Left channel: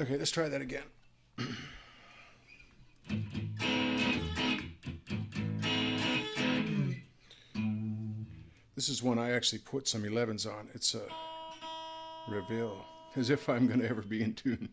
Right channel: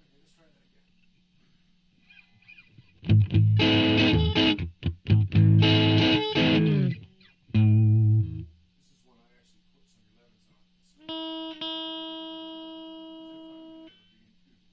Okay, let's try that again. This is one I actually put some 11s on. It's a Reville, as if I'm going to ever be in tune.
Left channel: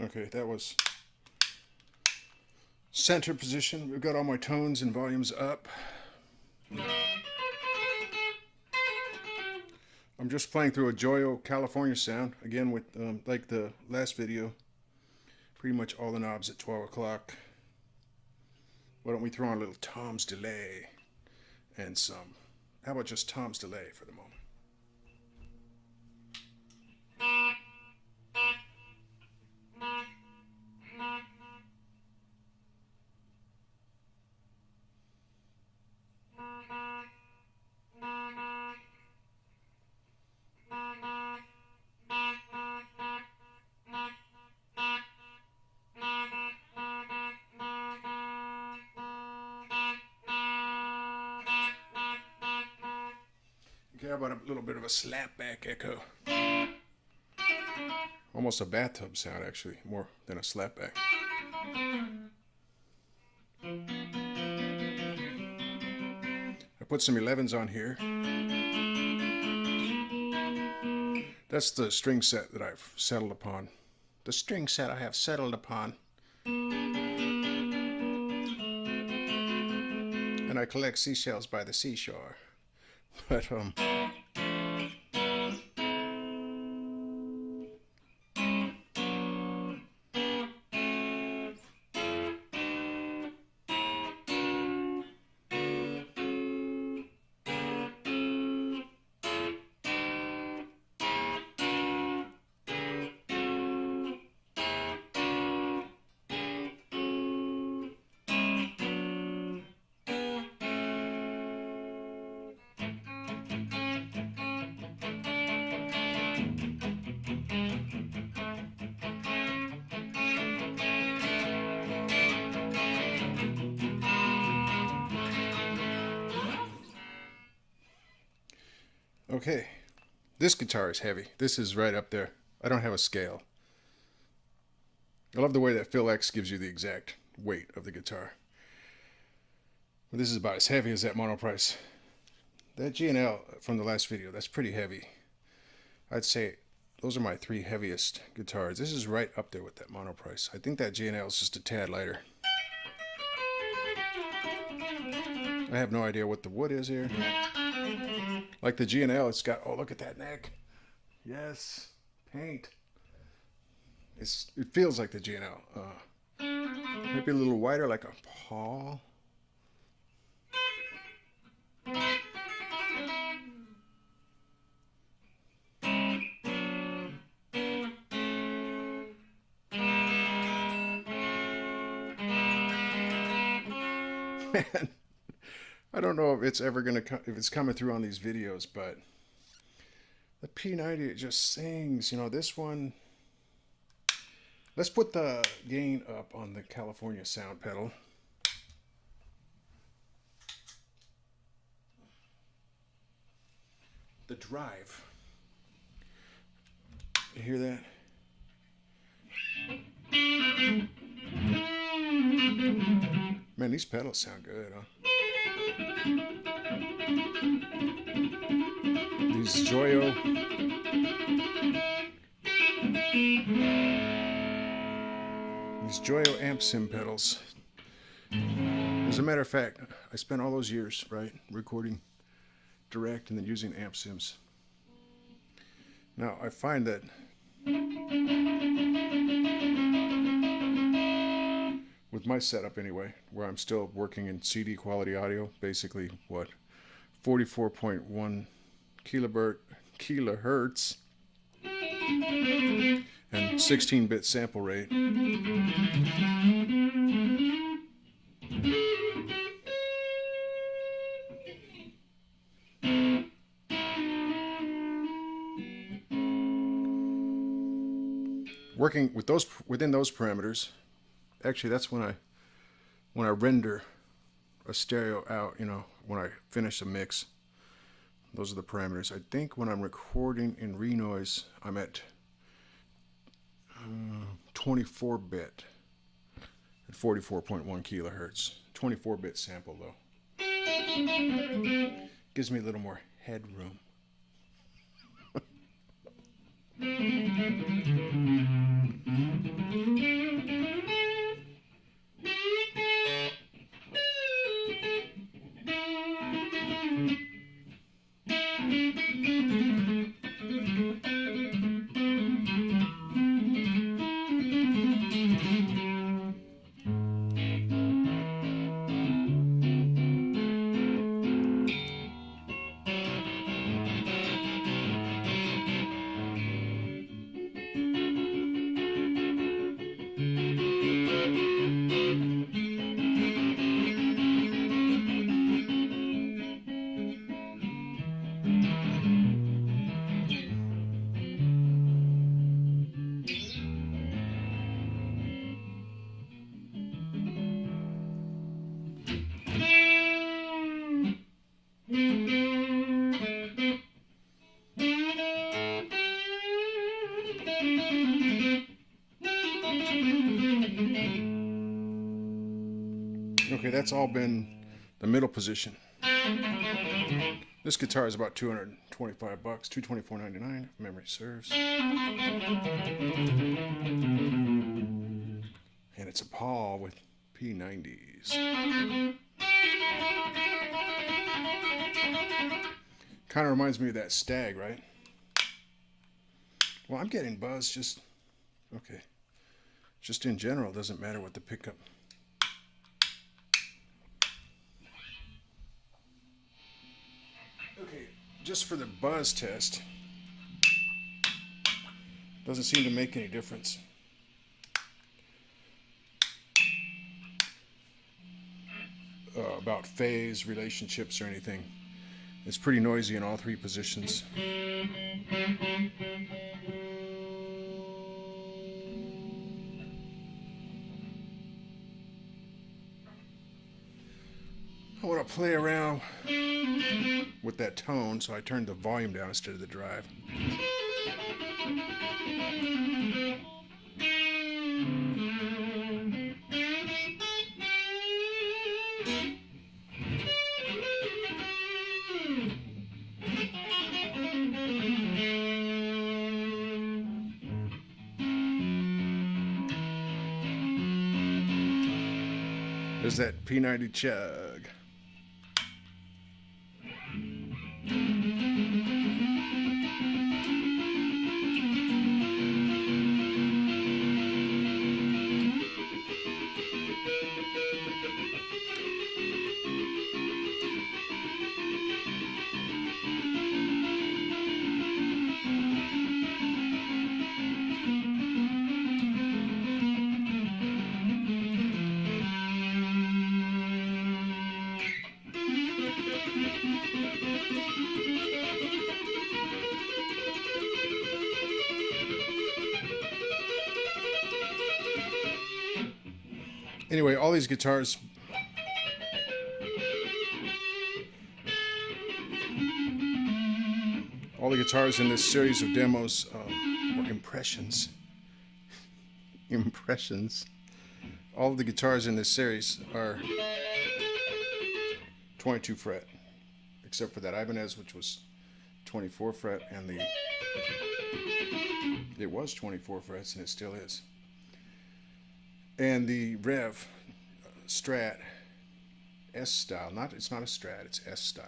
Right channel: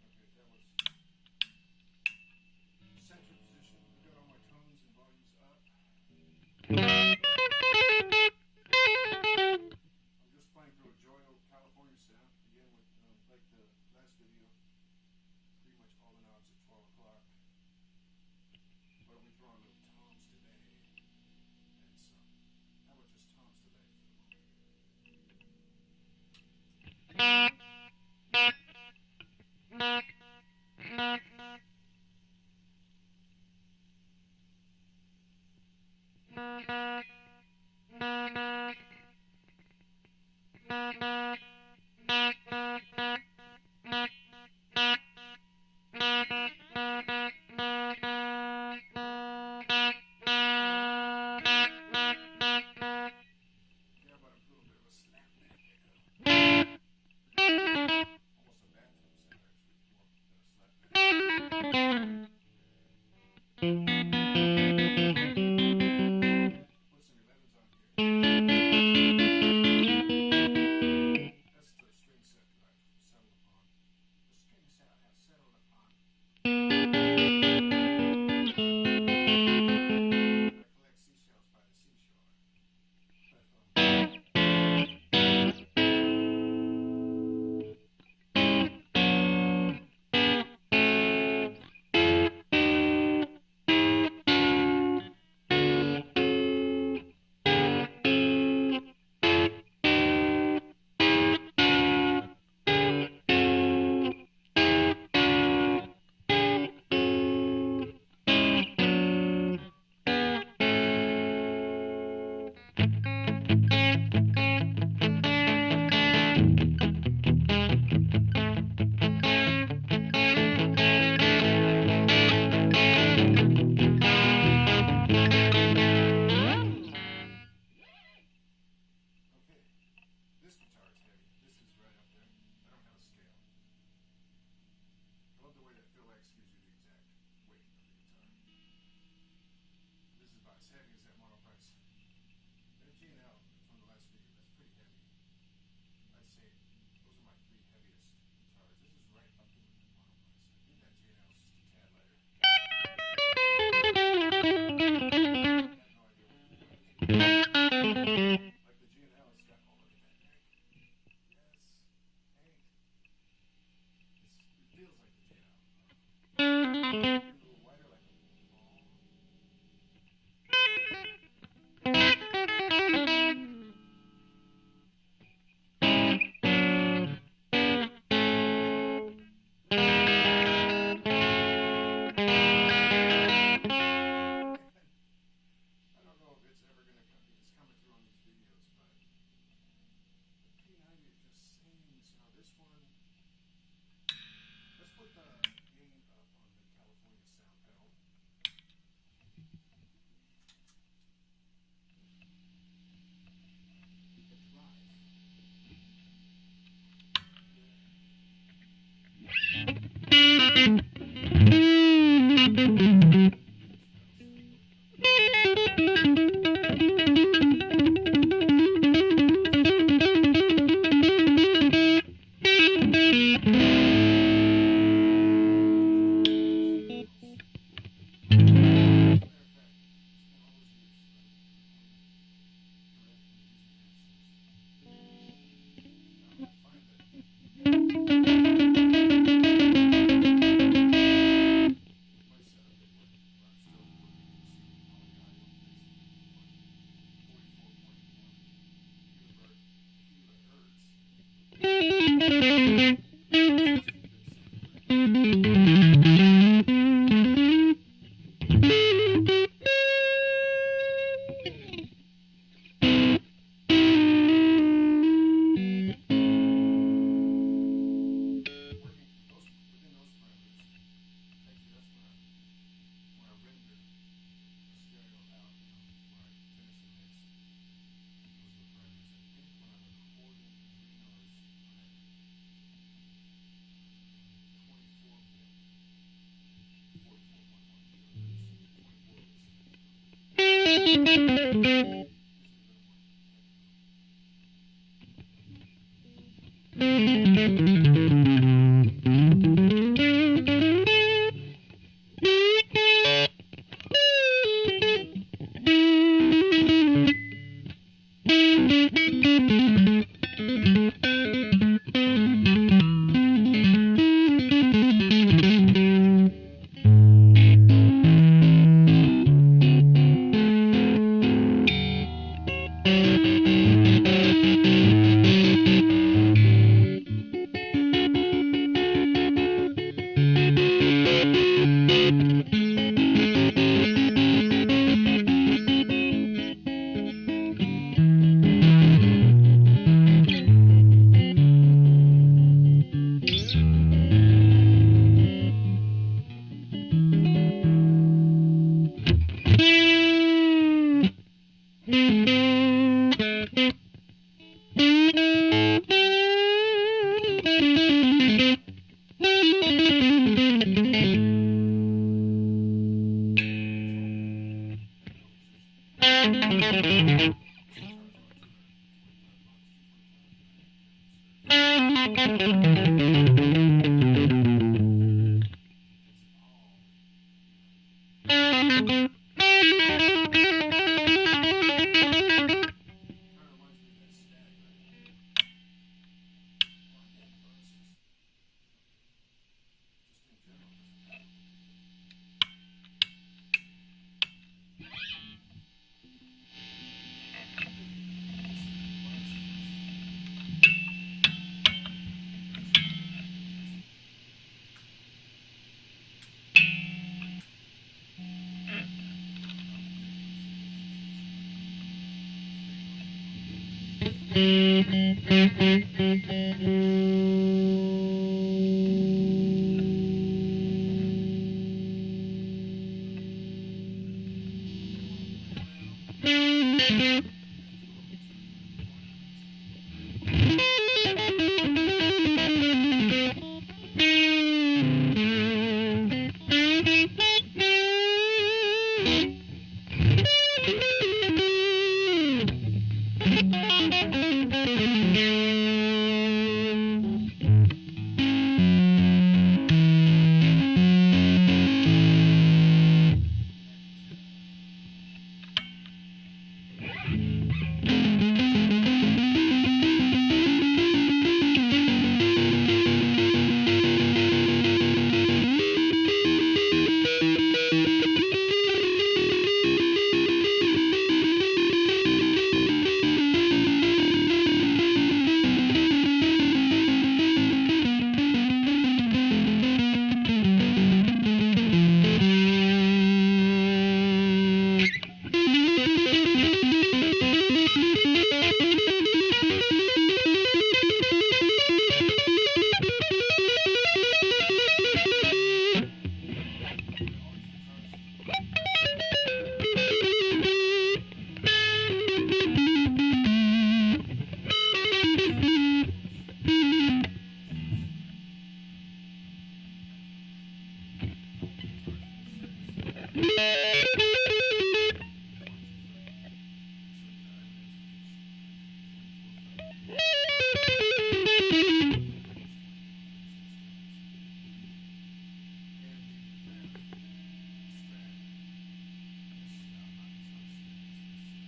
Okay, that was center position. We've got all my tones and volumes up. I'm just playing through a Joyo California sound, again with, like the last video, pretty much all the knobs at 12 o'clock. Why don't we throw on a little Tom's delay and some, how about just Tom's delay for the moment? Okay, how about a little bit of a slapback echo? Almost a bathtub sound, actually, more than a slapback. I put some 11s on here. That's the string set that I've settled upon. The string set I have settled upon. And I collect seashells by the seashore. But, okay, this guitar is heavy. This is right up there. I don't have a scale. I love the way that Phil X gives you the exact weight of the guitar. But this is about as heavy as that Monoprice. That G&L from the last video, that's pretty heavy. I'd say those are my 3 heaviest guitars. This is right up there with that Monoprice. I think that G&L is just a tad lighter. I have no idea what the wood is here. Like the G&L, it's got, oh, look at that neck. Yes, paint. It feels like the G&L. Maybe a little wider, like a paw. Man, I don't know if it's ever gonna if it's coming through on these videos, but the P90, it just sings. You know, this one. Let's put the gain up on the California sound pedal. The drive. You hear that? Man, these pedals sound good, huh? These Joyo. spent all those years, right, recording direct and then using amp sims. Now I find that with my setup anyway, where I'm still working in CD quality audio, basically what, 44.1 kilohertz and 16-bit sample rate. Working with those, within those parameters, actually that's when I render a stereo out, you know, when I finish a mix. Those are the parameters. I think when I'm recording in Renoise, I'm at 24-bit at 44.1 kilohertz. 24-bit sample though. Gives me a little more headroom. That's all been the middle position. This guitar is about $225, $224.99 if memory serves. And it's a Paul with P90s. Kind of reminds me of that Stag, right? Well, I'm getting buzz just, okay. Just in general, doesn't matter what the pickup. Just for the buzz test, doesn't seem to make any difference. About phase, relationships, or anything. It's pretty noisy in all three positions. I want to play around with that tone, so I turned the volume down instead of the drive. There's that P90 chug. Anyway, all these guitars, all the guitars in this series of demos, or impressions, all of the guitars in this series are 22 fret, except for that Ibanez, which was 24 fret, and it was 24 frets, and it still is. And the Rev Strat S style. It's not a Strat, it's S style.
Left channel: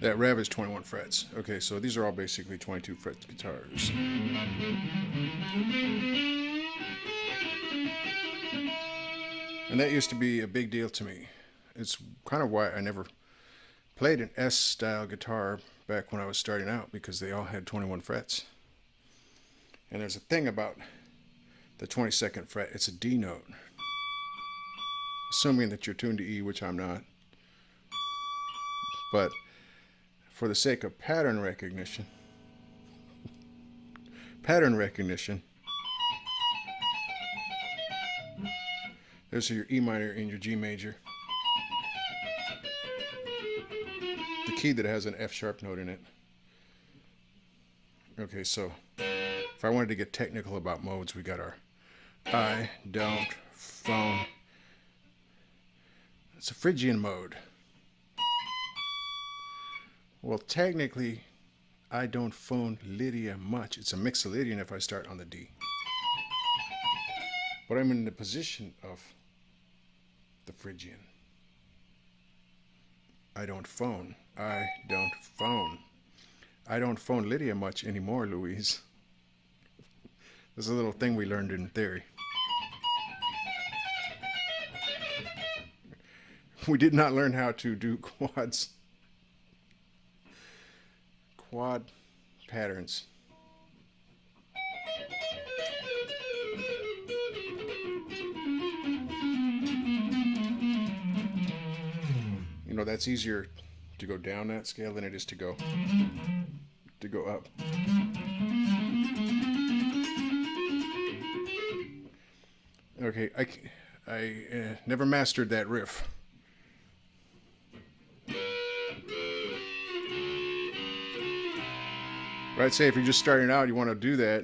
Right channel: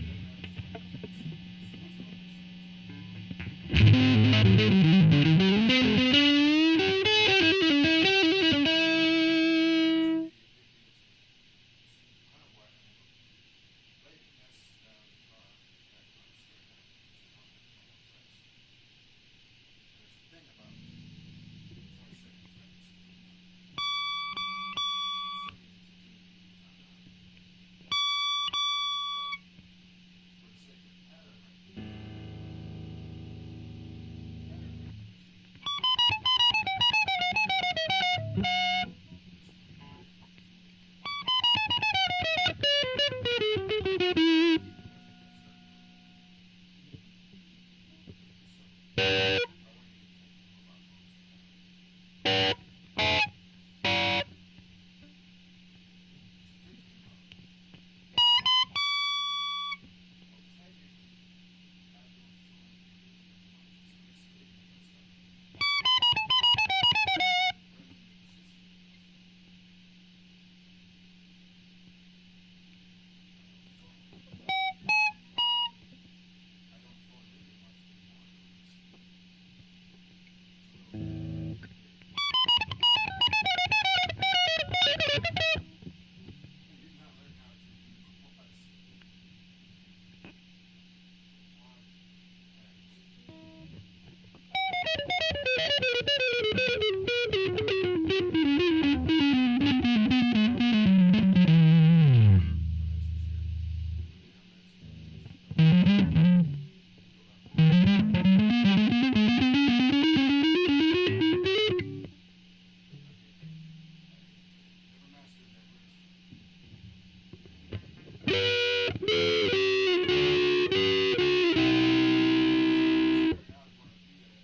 That Rev is 21 frets. Okay, so these are all basically 22 fret guitars. And that used to be a big deal to me. It's kind of why I never played an S style guitar back when I was starting out, because they all had 21 frets. And there's a thing about the 22nd fret, it's a D note. Assuming that you're tuned to E, which I'm not. But for the sake of pattern recognition, there's your E minor and your G major. The key that has an F sharp note in it. Okay, so if I wanted to get technical about modes, we got our I don't phone. It's a Phrygian mode. Well, technically, I don't phone Lydia much. It's a Mixolydian if I start on the D. But I'm in the position of the Phrygian. I don't phone. I don't phone. I don't phone Lydia much anymore, Louise. This is a little thing we learned in theory. We did not learn how to do quads. Quad patterns. You know, that's easier to go down that scale than it is to go up. Okay, I never mastered that riff. I'd say if you're just starting out, you want to do that,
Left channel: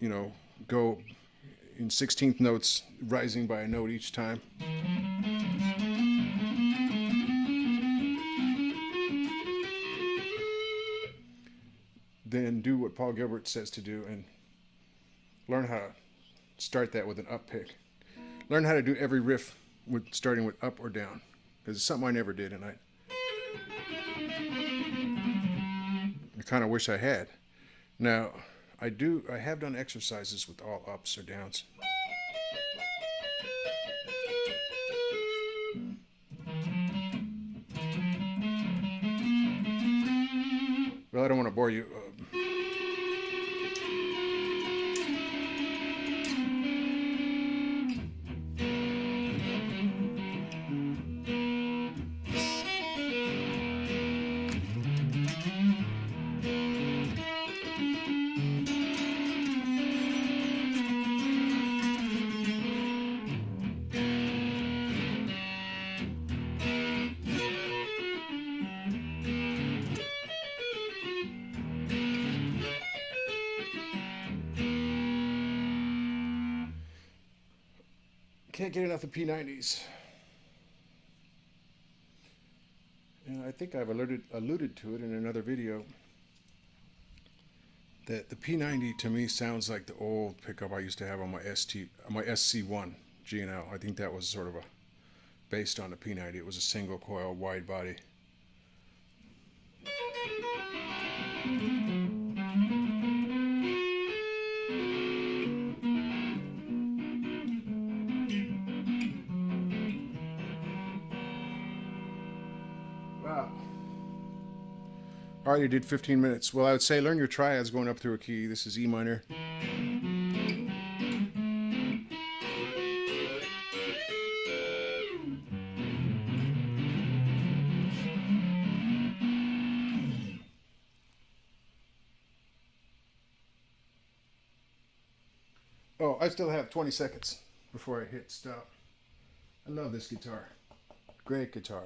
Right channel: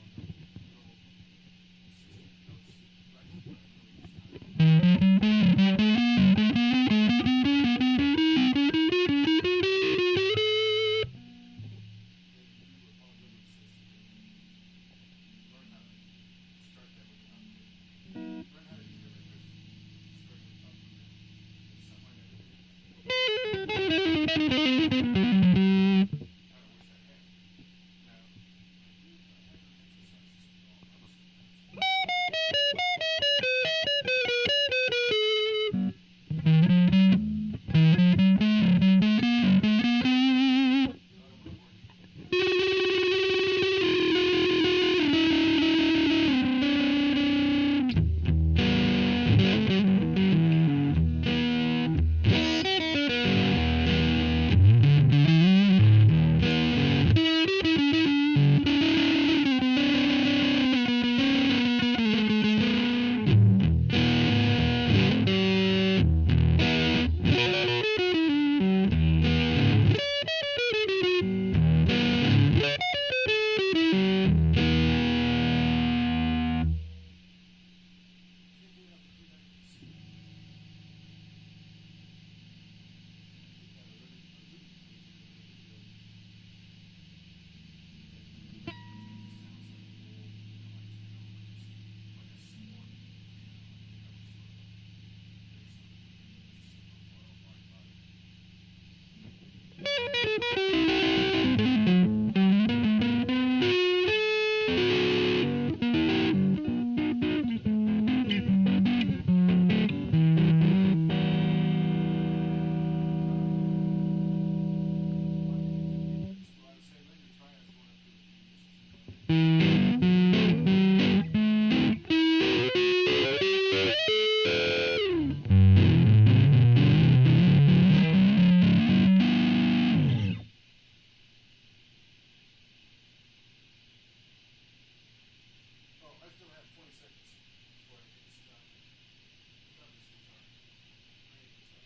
you know, go in 16th notes, rising by a note each time. Then do what Paul Gilbert says to do and learn how to start that with an up pick. Learn how to do every riff starting with up or down, because it's something I never did, and I kind of wish I had. Now, I have done exercises with all ups or downs. Well, I don't want to bore you. Can't get enough of P90s. And I think I've alluded to it in another video that the P90 to me sounds like the old pickup I used to have on my SC1 G&L. I think that was sort of based on the P90. It was a single coil wide body. Already did 15 minutes. Well, I would say learn your triads going up through a key. This is E minor. Oh, I still have 20 seconds before I hit stop. I love this guitar. Great guitar.